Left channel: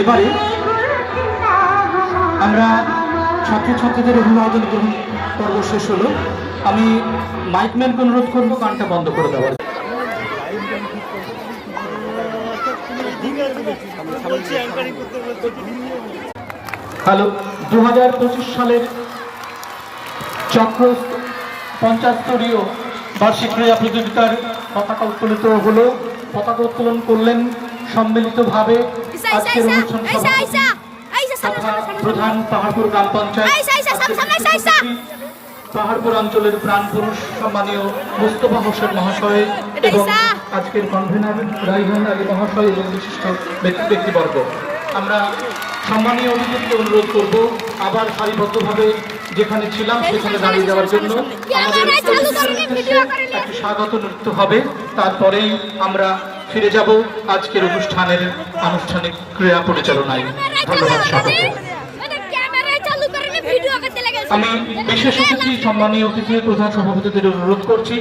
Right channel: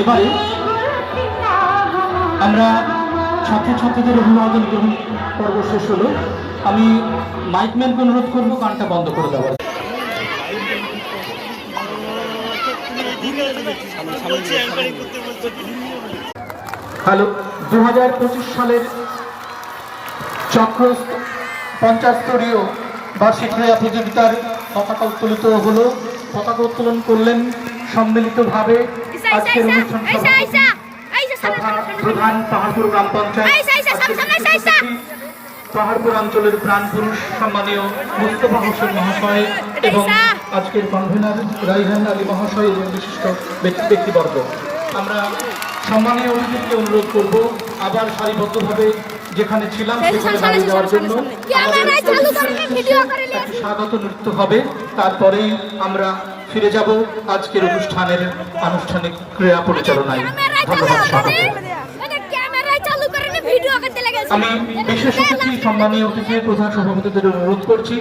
এবারে আমরা ছাত্রছাত্রীদের অভিবাদন গ্রহণ পর্ব শেষ হলো। আমি মাইকম্যানকে অনুরোধ করবো গানটা বন্ধ করে দেওয়ার। হ্যালো, 2025 সালের চক্র 50 স্তরীয় বার্ষিক ক্রীড়া প্রতিযোগিতার পতাকা উত্তোলিত হলো। পতাকা উত্তোলন করলেন সম্মিলিতভাবে প্রধান পাহাড়পুর গ্রাম পঞ্চায়েত, পাহাড়পুর অঞ্চলের প্রাণ পুরুষ সম্মানীয় মুস্তফা হোসেন মহাশয় এবং আজকের কনভেনার রাইহান আলী মহাশয় এবং বিশিষ্ট ব্যক্তিবর্গ। আমরা সম্মানীয় অতিথিকে অনুরোধ করব আবার সারিবদ্ধভাবে যেখানে ছিলাম সেখানে দাঁড়িয়ে যাওয়ার জন্য। একটি স্বাগত নৃত্য হবে, তারপরেই আমরা ফিরে যাব আজকের অনুষ্ঠানের আনুষ্ঠানিক ক্রীড়া পরিচালনায়। ধন্যবাদ সকলকে। আমি বিশেষ অতিথি সম্মানীয় অতিথি প্রধান সভাপতিদের অনুরোধ করছি